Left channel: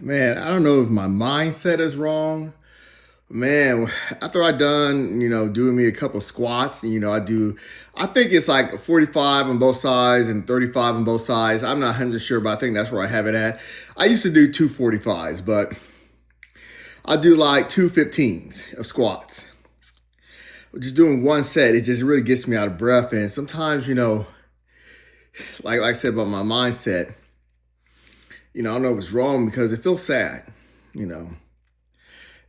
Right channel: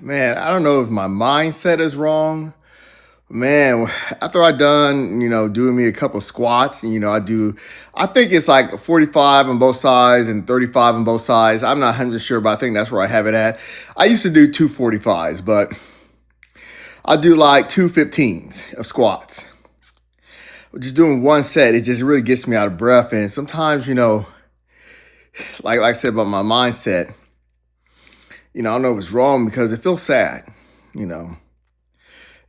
Man, I don't know if my mindset is wrong. Man, after I done, doing me a couple squats, I think it's like 45 on both sides and 35 on both sides. I'm not 100 sure, but I think that's where I have it at. I used to do two 45s, but I do like two 15s of squats. Just doing one set, it just really gets me out of breath. And sometimes, like I said about my mindset, I don't know if it's wrong because it feels sad, you know.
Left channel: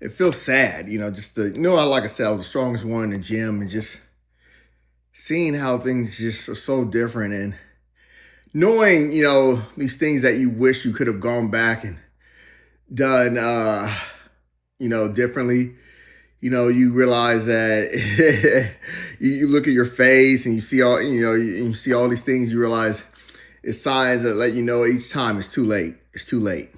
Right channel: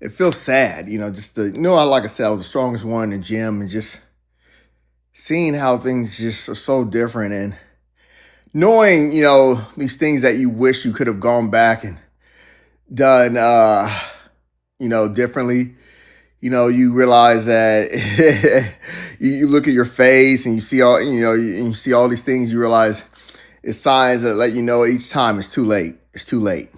It feels sad, just like I said, I was the strongest one in the gym and just seeing how things just are so different and knowing, these things that you wish you could have gone back and done, differently. You realize that you look at your face and you see all, you see all these things, you realize it's signs that let you know each time it's too late. It's too late.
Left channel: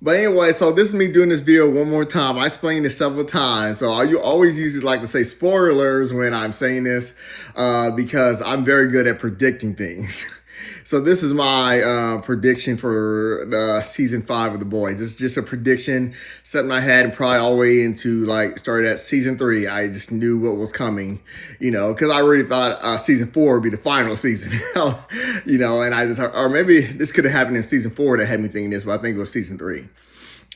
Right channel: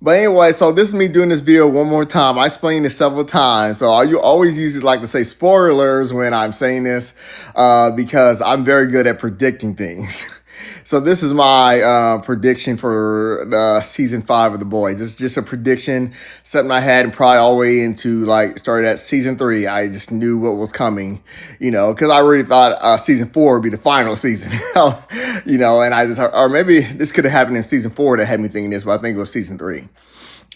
But anyway, so this is me doing this video one more time. I explained this several times. So I always usually like to say spoilers when I'm saying this because I'm very good at predicting things. So this is my prediction for season 5 of The Boys. This is just a prediction, something I had and probably all the way into started at season 3. I just knew what was coming, because I already thought season 4 would be the final season, and or maybe this could have happened in season 4 that had me thinking this, but I think it was season 3.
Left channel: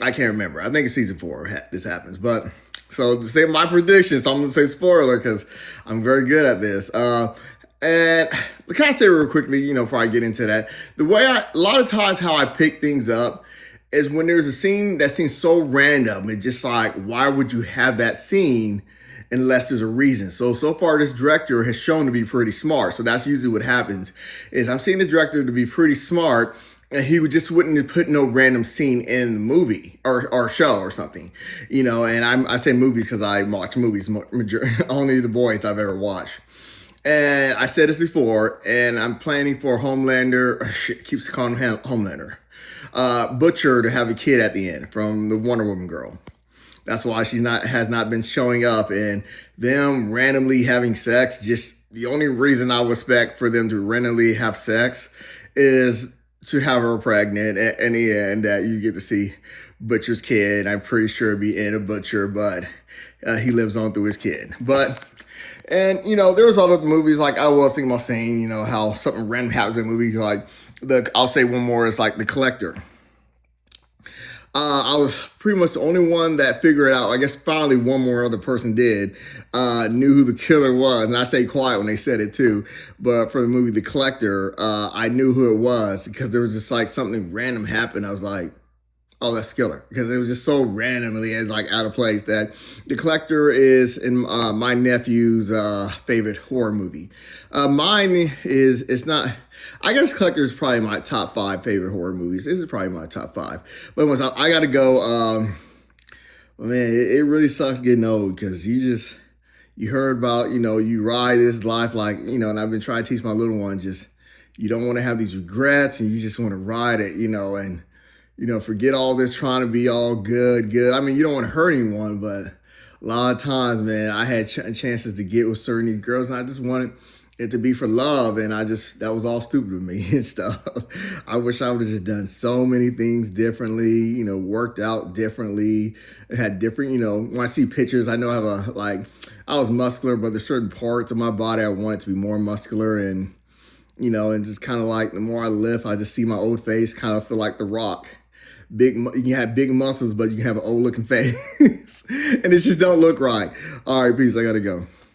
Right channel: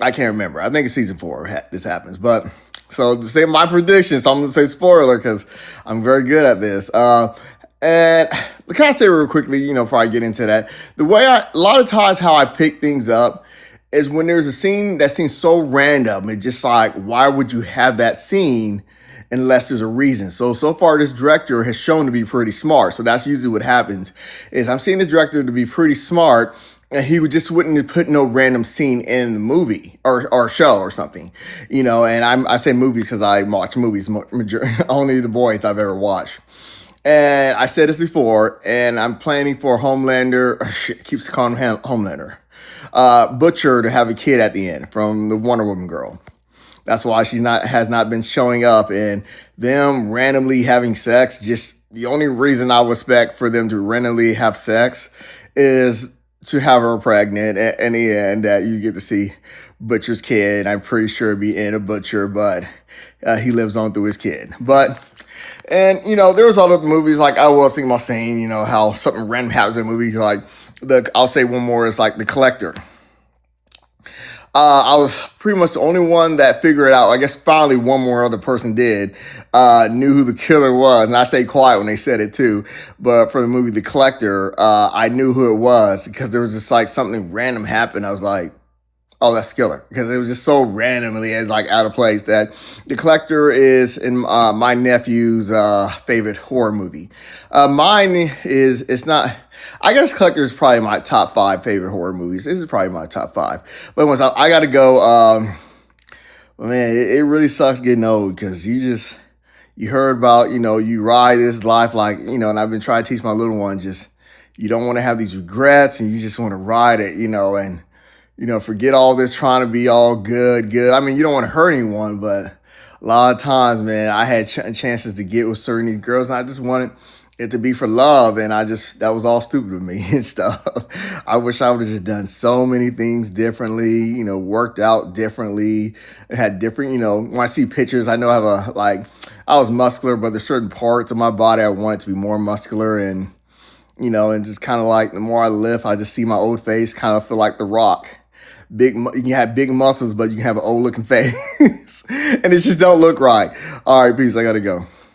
I can't remember. I think it's season 4 this happens, but so to say my prediction, so I'm going to say spoiler because I'm very good at this. And can I say real quickly, before I get into that, a lot of times how I pick things up is when there's a scene that seems so random. It's just like, why would you have that scene unless there's a reason? So far, this director has shown to be pretty smart. So that's usually what happens is I'm seeing the director to be pretty smart. And he wouldn't put no random scene in the movie or show or something, and I say movies because I watch movies, only The Boys I've ever watched. And I said this before, and I'm planning for Homelander, keeps calling him Homelander, Butcher to have a kid at the end from the Wonder Woman girl. That's why has not been showing up, and them randomly having sex. Just the only reason I would expect for them to randomly have sex is to have her pregnant. And in the end, that you get to see Butcher's kid. I'm pretty sure it'd be in a Butcher, but he lives on through his kid. And, there was other movies, like I was thinking about saying, how something random happens in a movie. Like, I'll say one more, is like The Collector. I was pretty much the only one that figured it out. I guess finally one more other person did, knew who the killer was. And I stayed quiet when they said it too. But for the movie The Collector, I knew who it was because there was just like something random happened. I was like, oh, that's killer. Because it was just so randomly and out of place that The Collector is in my nephew's favorite horror movie. Mine it's not, I guess Collector is probably my top 5 favorite horror movies. This is probably my top 5. But once I got to go, man, it really sucks getting old because you heard about, you ride this life and I've been trying to teach my little one you don't want to have these regrets and you just want to ride it, and forget all this trying to be all good. I mean, you don't want to hurt anyone, but a lot of times, man, I had chances to get with certain these girls, and I just wanted it to be for love, and that was all stupid of me and stuff. I wish I would have just done so many things differently, worked out differently, had different, when I see pictures, I know I have I was muscular, but there's certain parts of my body I wanted to be more muscular, and, and just kind of the more I lift, I just see my old face kind of feel like The Rock. You can have big muscles, but you can have an old looking face. And it just don't look right. All right, peace. I got to go.